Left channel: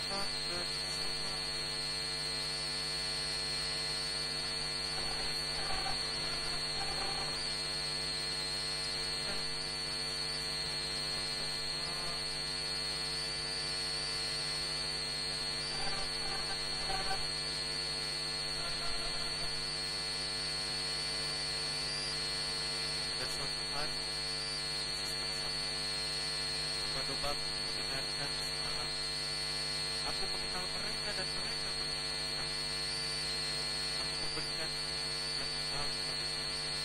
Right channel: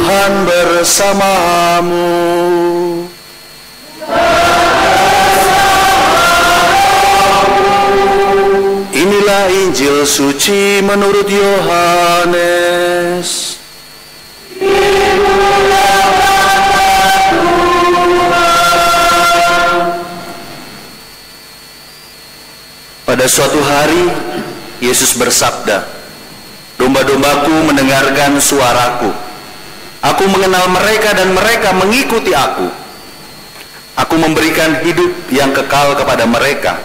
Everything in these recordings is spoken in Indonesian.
Tuhan bersamamu. Inilah Injil suci menurut Yohanes. Pada suatu hari, Yesus bersabda, "Domba-dombaku mendengarkan suaraku. Aku mengenal mereka dan mereka mengikuti aku. Aku memberikan hidup yang kekal kepada mereka,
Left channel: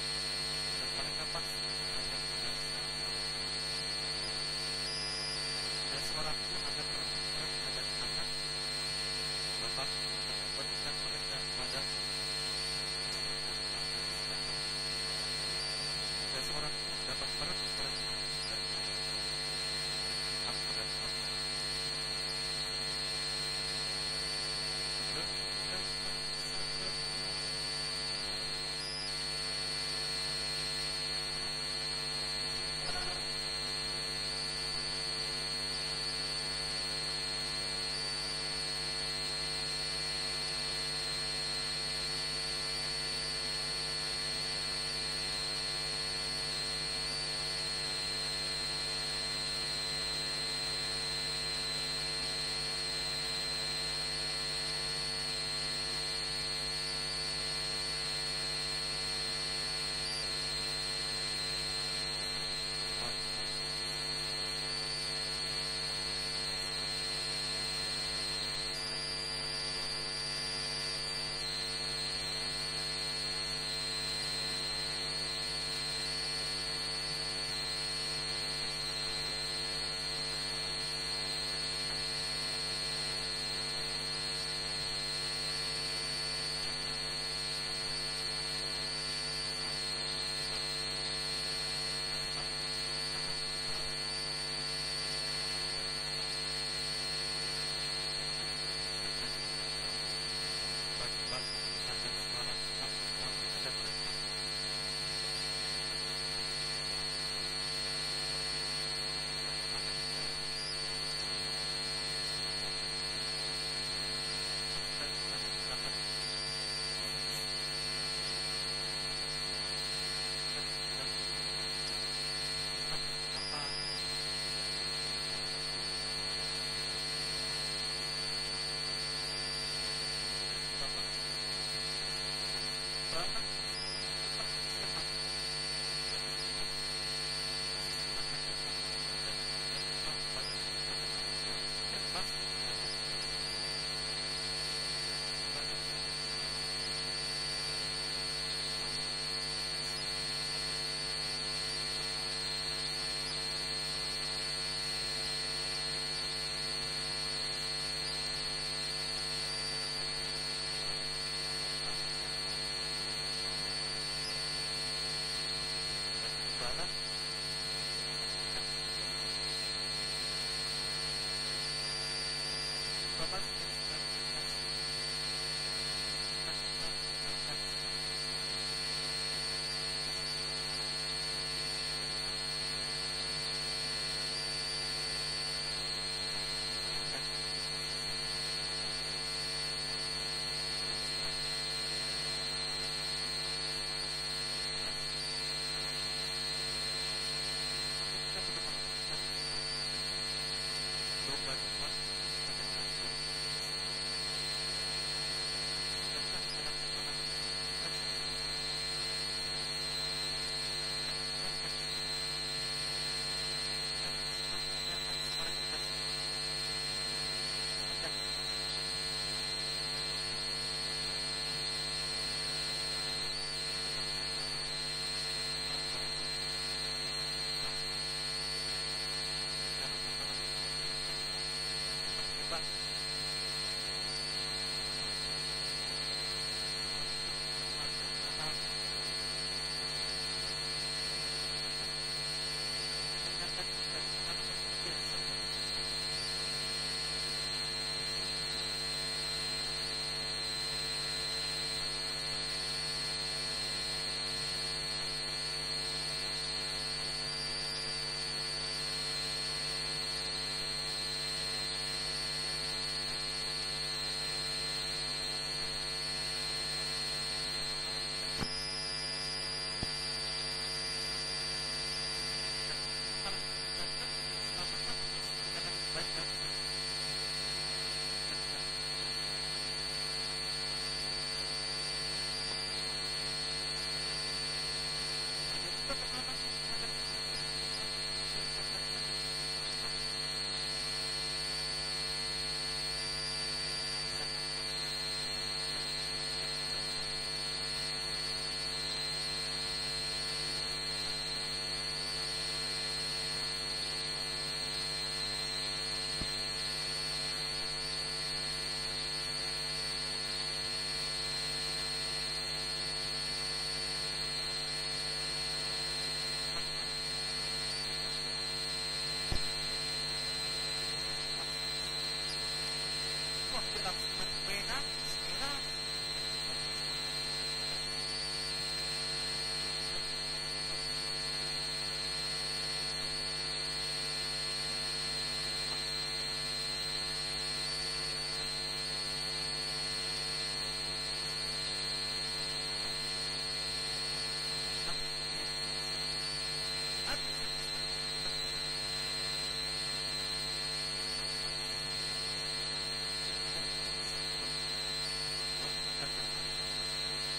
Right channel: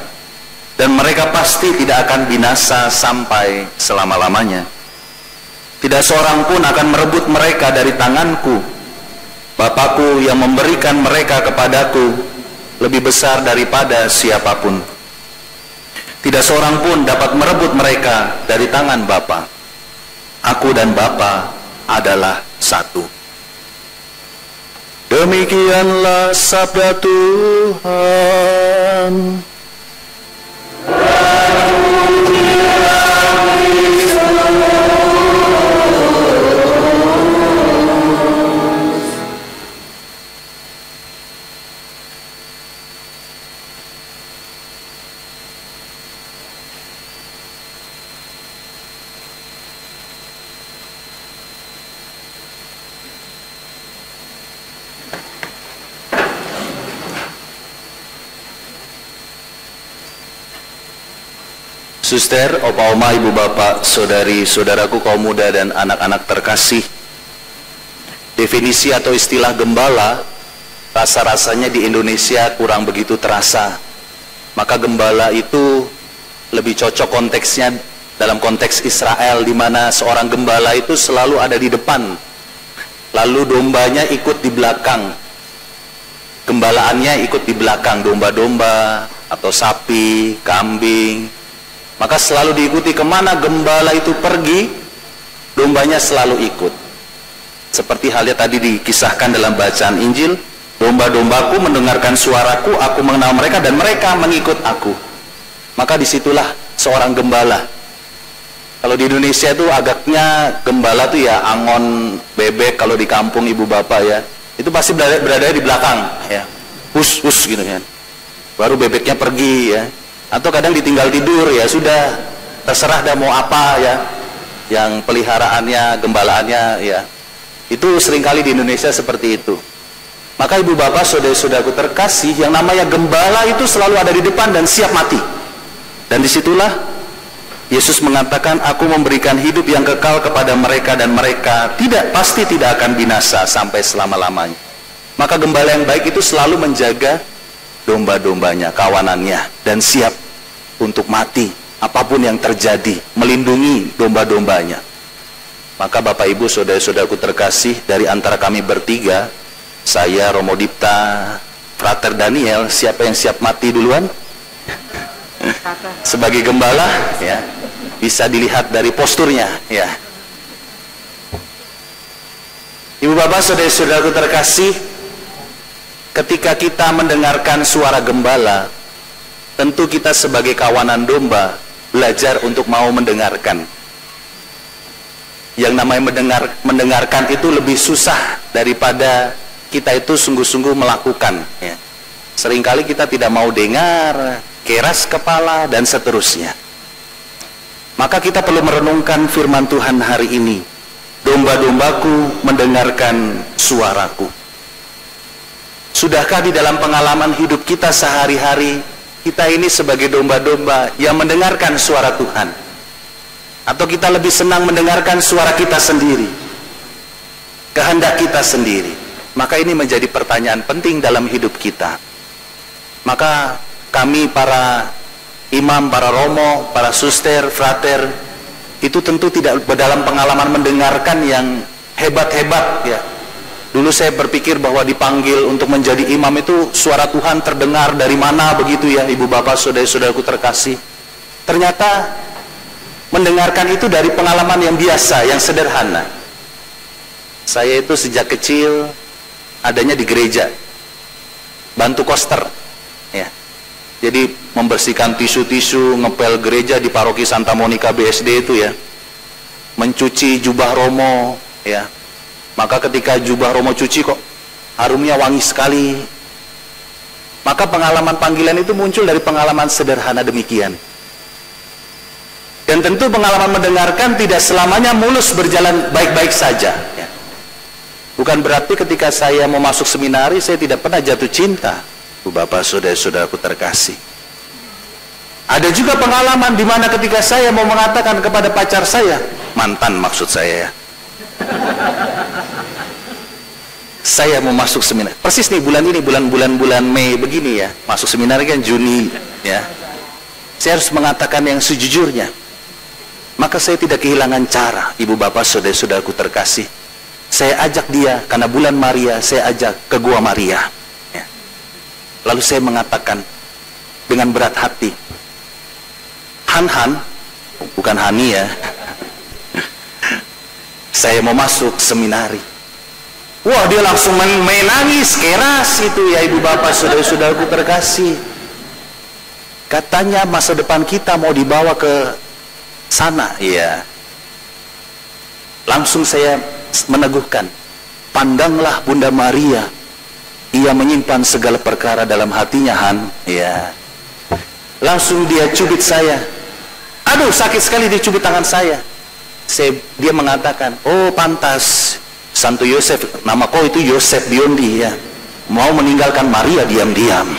dan mereka pasti tidak akan binasa sampai selama-lamanya. Tidak seorang pun akan merebut mereka dari tanganku. Bapakku yang memberikan mereka kepadaku lebih besar daripada siapapun. Tidak seorang pun dapat merebut mereka dari tangan Bapa. Aku dan Bapa adalah satu." Demikianlah sabda Tuhan. Suster, opa oma, ibu bapak, saudari saudaraku kaum muda dan anak-anak terkasih, definisi atau istilah gembala rasa-rasanya di Indonesia kurang begitu terasa. Maka gembala itu lebih cocok konteksnya dalam konteks Israel, di mana seorang gembala itu selalu ada di depan, lalu dombanya ikut di belakang. Gembalaannya ikut di belakang, domba-domba atau sapi, kambing. Maka selalu diikuti, kemana gembala itu pergi, dombanya selalu ikut. Seperti halnya tadi dikisahkan dalam bacaan Injil, domba-dombaku mendengarkan suaraku, aku mengenal mereka dan mereka mengikut aku. Maka disitulah seorang gembala. Kalau di Indonesia itu agaknya gembala itu ya angon bebek, kalau di kampung ibu bapak ya, itu pasti berada di belakang ya, hus gitu kan. Baru bebeknya pergi ya. Atau kadang ditinggal tidur, ya sudah, terserah dah mau apa ya, yang peliharaannya, gembalaannya ya. Itu seringkali di Indonesia seperti itu. Maka ibu bapak, saudara-saudaraku terkasih, yang namanya gembala itu selalu ada di depan dan siap mati. Dan disitulah Yesus mengatakan, aku memberikan hidup yang kekal kepada mereka dan mereka pasti tidak akan binasa sampai selama-lamanya. Maka gembala yang baik itu selalu menjaga domba-dombanya, kawanannya, dan siap untuk mati apapun yang terjadi, melindungi domba-dombanya. Maka Bapak Ibu, saudara-saudaraku terkasih, dari antara kami bertiga, saya, Romo Dipta, Frater Daniel, siapa yang siap mati duluan? Sebagai gembala ya, bisa dilihat dari posturnya ya. Ibu bapak, saudara-saudaraku terkasih, ketika kita mendengarkan suara gembala, tentu kita sebagai kawanan domba belajar untuk mau mendengarkan. Yang namanya mendengarkan itu lebih susah daripada kita itu sungguh-sungguh melakukan ya. Seringkali kita tidak mau dengar, keras kepala dan seterusnya. Maka kita perlu merenungkan firman Tuhan hari ini. Domba-dombaku mendengarkan suaraku. Sudahkah di dalam pengalaman hidup kita sehari-hari, kita ini sebagai domba-domba yang mendengarkan suara Tuhan? Atau kita lebih senang mendengarkan suara kita sendiri, kehendak kita sendiri? Maka ini menjadi pertanyaan penting dalam hidup kita. Maka kami para imam, para romo, para suster, frater, itu tentu tidak dalam pengalaman mendengarkan yang hebat-hebat ya. Dulu saya berpikir bahwa dipanggil untuk menjadi imam itu suara Tuhan terdengar dari mana begitu ya, ibu bapak, saudara-saudaraku terkasih. Ternyata mendengarkan itu dari pengalaman yang biasa, yang sederhana. Saya itu sejak kecil adanya di gereja, bantu koster ya. Jadi membersihkan tisu-tisu, ngepel gereja di paroki Santa Monica BSD itu ya, mencuci jubah romo ya, Maka ketika jubah Romo cuci kok harumnya wangi sekali. Maka pengalaman panggilan itu muncul dari pengalaman sederhana demikian. Dan tentu pengalaman mendengarkan tidak selamanya mulus berjalan baik-baik saja. Bukan berarti ketika saya mau masuk seminari saya tidak pernah jatuh cinta. Bapak, saudara-saudaraku terkasih. Ada juga pengalaman di mana ketika saya mau mengatakan kepada pacar saya, mantan maksud saya ya, saya mau masuk seminar. Persis nih bulan ini, bulan Mei begini ya. Masuk seminar kan Juni ya. Saya harus mengatakan yang sejujurnya. Maka saya tidak kehilangan cara, ibu bapak saudara-saudaraku terkasih. Saya ajak dia, karena bulan Maria, saya ajak ke Gua Maria ya. Lalu saya mengatakan dengan berat hati, Han, bukan Hani ya, saya mau masuk seminari. Wah, dia langsung menangis keras itu ya ibu bapak saudara-saudaraku terkasih. Katanya masa depan kita mau dibawa ke sana ya. Langsung saya meneguhkan, pandanglah Bunda Maria, ia menyimpan segala perkara dalam hatinya Han ya. Langsung dia cubit saya, aduh sakit sekali dia cubit tangan saya. Dia mengatakan, oh pantas Santo Yosef, nama kau itu Yosef Biondi ya, mau meninggalkan Maria diam-diam.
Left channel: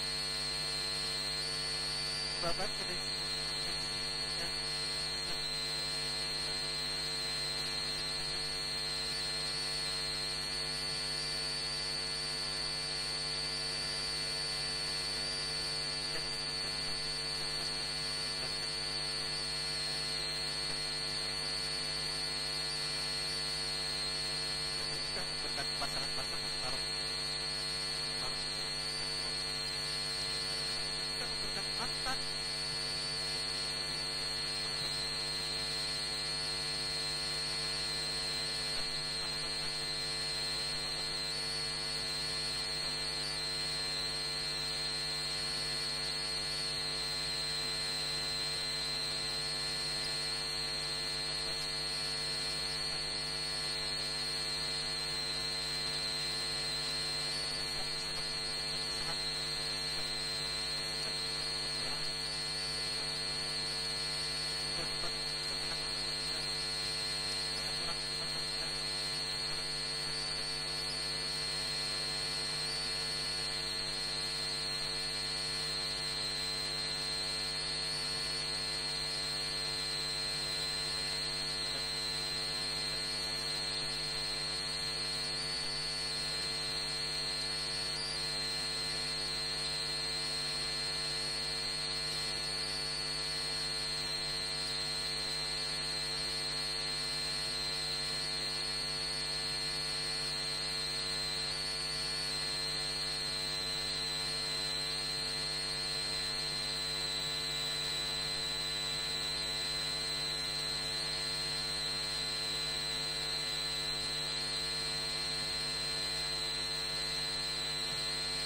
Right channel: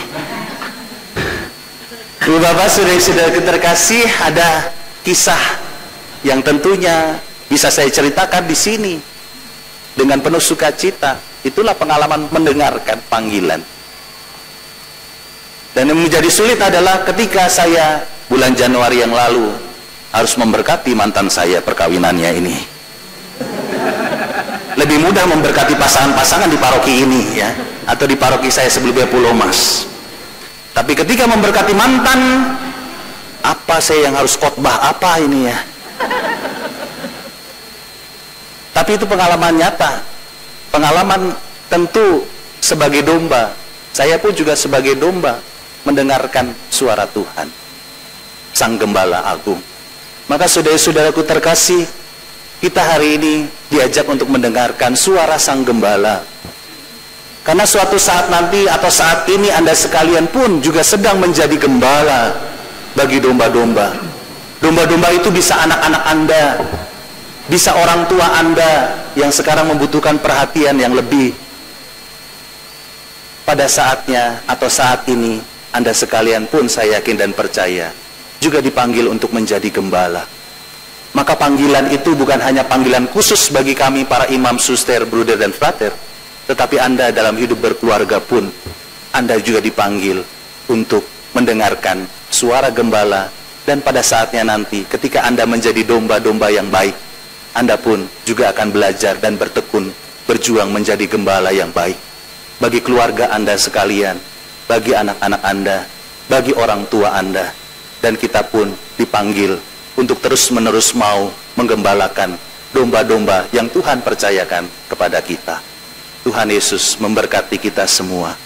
Ibu bapak saudara-saudara terkasih, ada kisah yang tentunya bisa saya ceritakan di sini dengan penuh sukacita. Itulah pengalaman mendengarkan panggilan. Dan yang menjadi sulit adalah ketika saya bulan Januari yang lalu harus memberkati mantan saya perkawinannya ini. Lebih mudah memberkati pasangan-pasangan di paroki ini ya, atau di paroki saya sebelumnya Pulau Mas. Tapi ketika memberkati mantan, apa saya yang harus khotbah apa ini ya? Tapi itu pengalaman nyata, pengalaman tentu sebagai domba. Saya pun juga sebagai domba mendengarkan suara Tuhan, Sang Gembala Agung. Maka saudara-saudaraku terkasih, kita hari ini diajak untuk mendengarkan suara Sang Gembala. Karena suatu saat nanti atau saat ini Anda sekalian pun juga sedang menjadi gembala bagi domba-domba. Domba-domba itu bisa anak-anak Anda, bisa orang tua Anda yang sekarang membutuhkan perhatian yang lebih. Pada saatnya atau saat ini Anda sekalian pun saya yakin dan percaya juga dipanggil untuk menjadi gembala. Maka panggilan itu bukan hanya panggilan khusus bagi kami para imam, suster, bruder dan frater, tetapi Anda dalam hidup berkeluarga pun Anda juga dipanggil untuk mendengarkan suara gembala. Dan pada saatnya nanti ketika Anda menjadi domba-domba yang baik, Anda pun juga akan belajar dan bertekun berjuang menjadi gembala yang baik bagi keluarga Anda sekalian, bagi anak-anak Anda, bagi orang tua Anda. Dan kita pun dipanggil untuk terus-menerus mau menggembalakan domba-domba yang Tuhan percayakan kepada kita. Tuhan Yesus memberkati kita semua.